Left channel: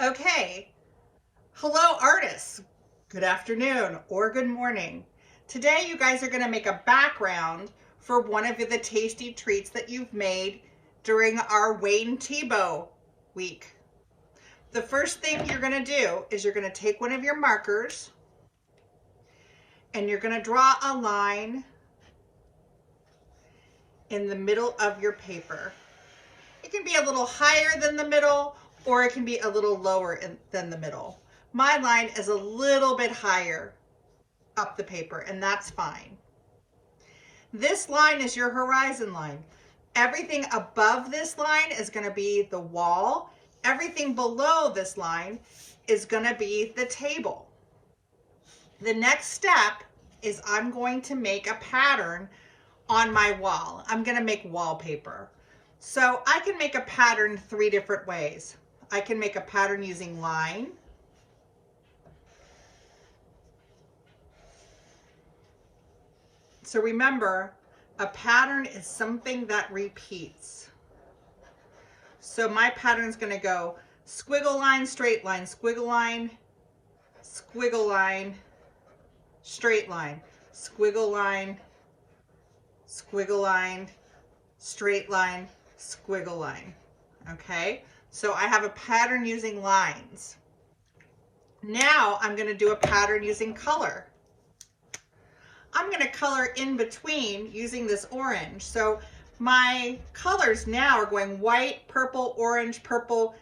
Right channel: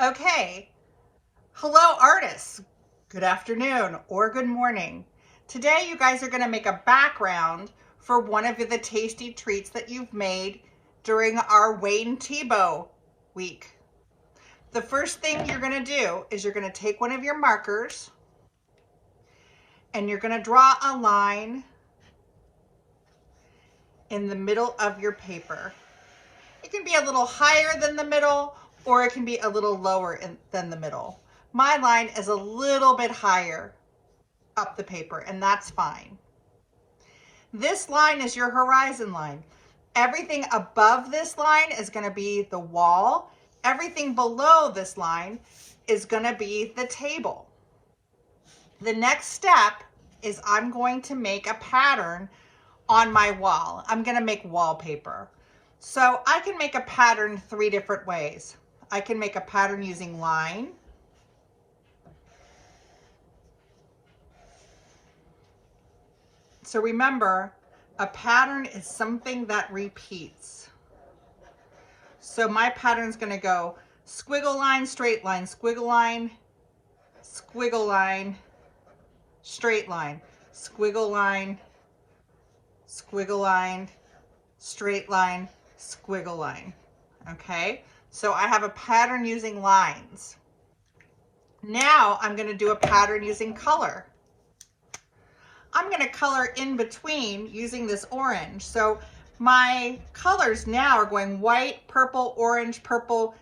Okay, hello artists. Good afternoon or good morning. Today you guys are going to make a background for one of the tasty treats that you've made during our Wayne Thiebaud week. The first thing you're going to do is you're going to take one of your markers and you're going to draw a line in the middle of your paper. It can be a little higher than the middle, or it can be a little lower than the middle. My line is a little bit higher up the paper, and that's fine. This line is your horizon line. Everything above this line is going to be the wall. Everything below this line is going to be the table. The next step is I'm going to make a pattern on my wall. I'm going to make wallpaper. So I can make a pattern 3 different ways. I can make a pattern using line. So remember, a pattern is something that repeats. So my pattern is going to go squiggle line, straight line, squiggle line, squiggle line, straight line, squiggle line, squiggle line, straight line, squiggle line. Okay? So I have a pattern using lines. Now I'm going to do a pattern using color. I'm going to color in between using this orange. So my colors now are going white, purple, orange, purple,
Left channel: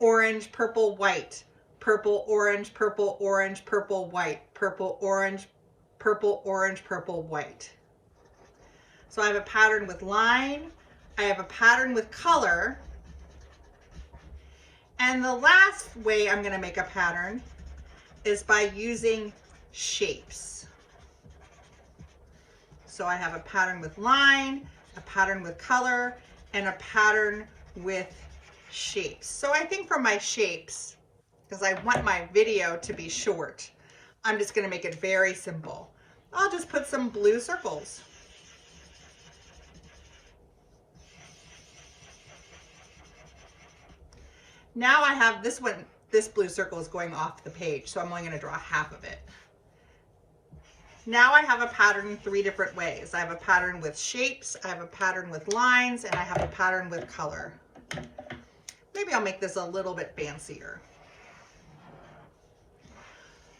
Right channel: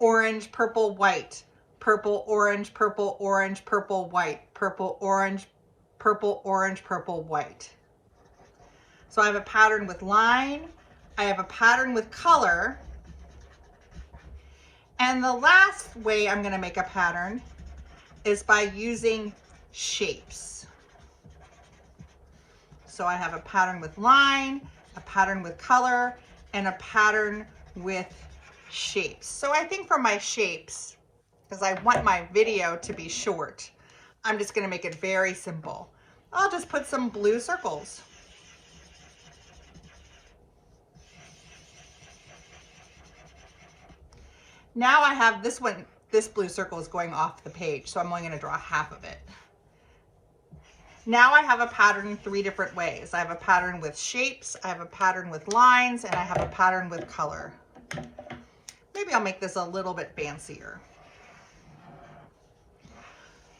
orange, purple, white, purple, orange, purple, orange, purple, white, purple, orange, purple, orange, purple, white. So I have a pattern with line, I have a pattern with color, and the last way I'm going to make a pattern is by using shapes. So I have a pattern with line, a pattern with color, and a pattern with shapes. So I think for my shapes, because I want my video to be short, I'm just going to make it very simple. I'll just put some blue circles. Now I have this one, this blue circle is going off the page, so I'm only going to draw half of it. Now I have a pattern 3 different ways. I have a pattern with shapes, I have a pattern with lines, and I have a pattern with color. Maybe I'll make this a little bit fancier.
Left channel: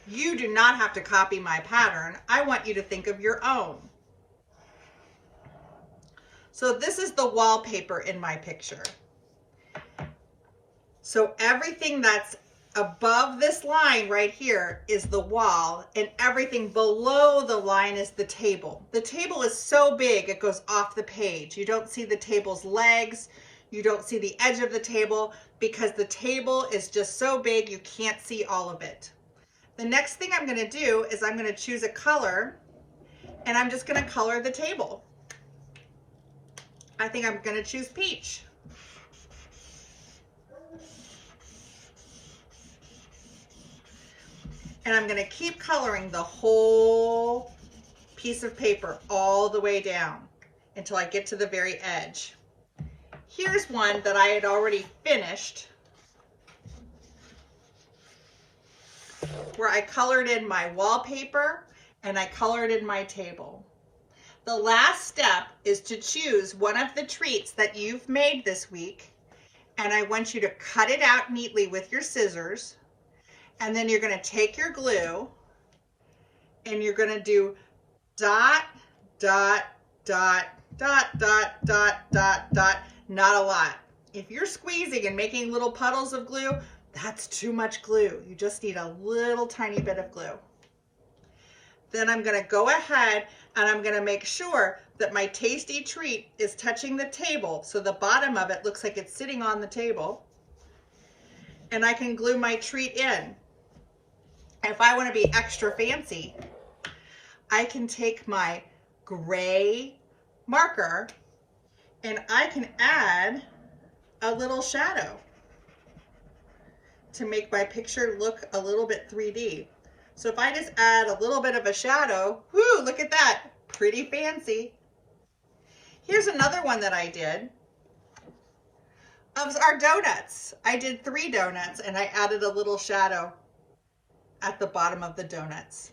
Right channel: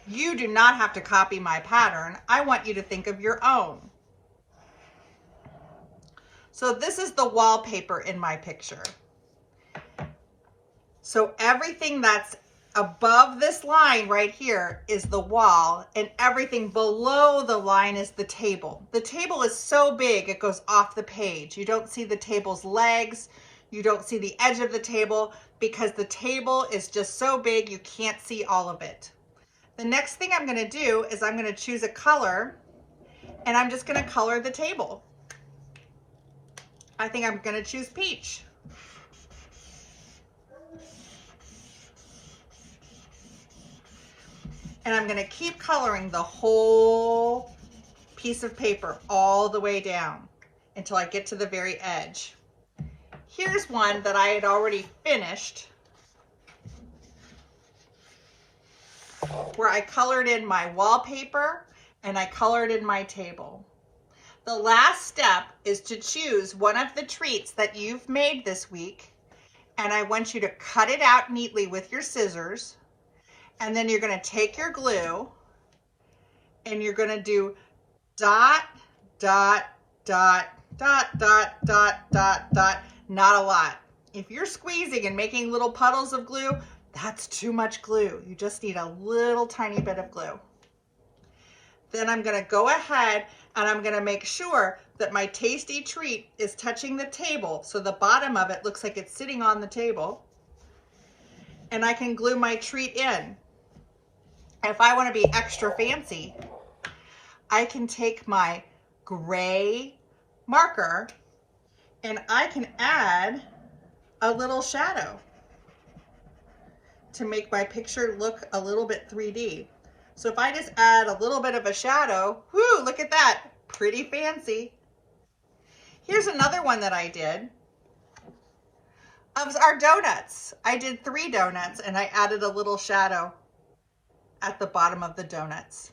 You do not have to copy my pattern. I want you to think of your own. So this is the wallpaper in my picture. So everything that's above this line right here is the wall, and everything below the line is the table. The table is so big it goes off the page. You don't see the table's legs, you don't see the edge of the table, because the table is just so big you can't see all of it. The next thing I'm going to do is I'm going to choose a color, and I'm just going to color the table. I think I'm going to choose peach. And I'm going to keep coloring the whole piece of paper all the way down until I get to the very edge. Here's one that I had already finished, where I colored in my wallpaper and I colored in my table. The last step is to choose one of the treats that you've made this week, and I want you to cut it out neatly with your scissors. And then you're going to take your glue and you're going to do dot, dot, dot, dot, dot, dot, dot, dot, not a lot. If you're squeezing and making little puddles of glue, that's too much glue. You just need a little tiny bit of glue. Then I'm going to go ahead and I'm going to make sure that my tasty treat is touching the table, so the bottom of it looks like it's sitting on the table. And I can glue my treat in. If I want to be extra fancy, I can take my gray marker and I can add a little shadow to make my picture look a little bit 3D. So if I just add a little bit of a shadow, whoo, look at that, pretty fancy. Here's another one that I did. of our donuts. I did 3 donuts and I added a little shadow at the bottom of the donuts.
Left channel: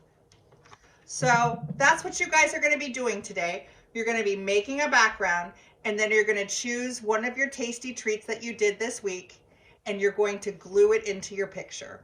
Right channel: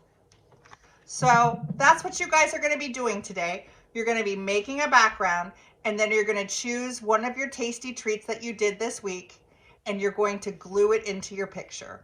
So that's what you guys are going to be doing today. You're going to be making a background, and then you're going to choose one of your tasty treats that you did this week, and you're going to glue it into your picture.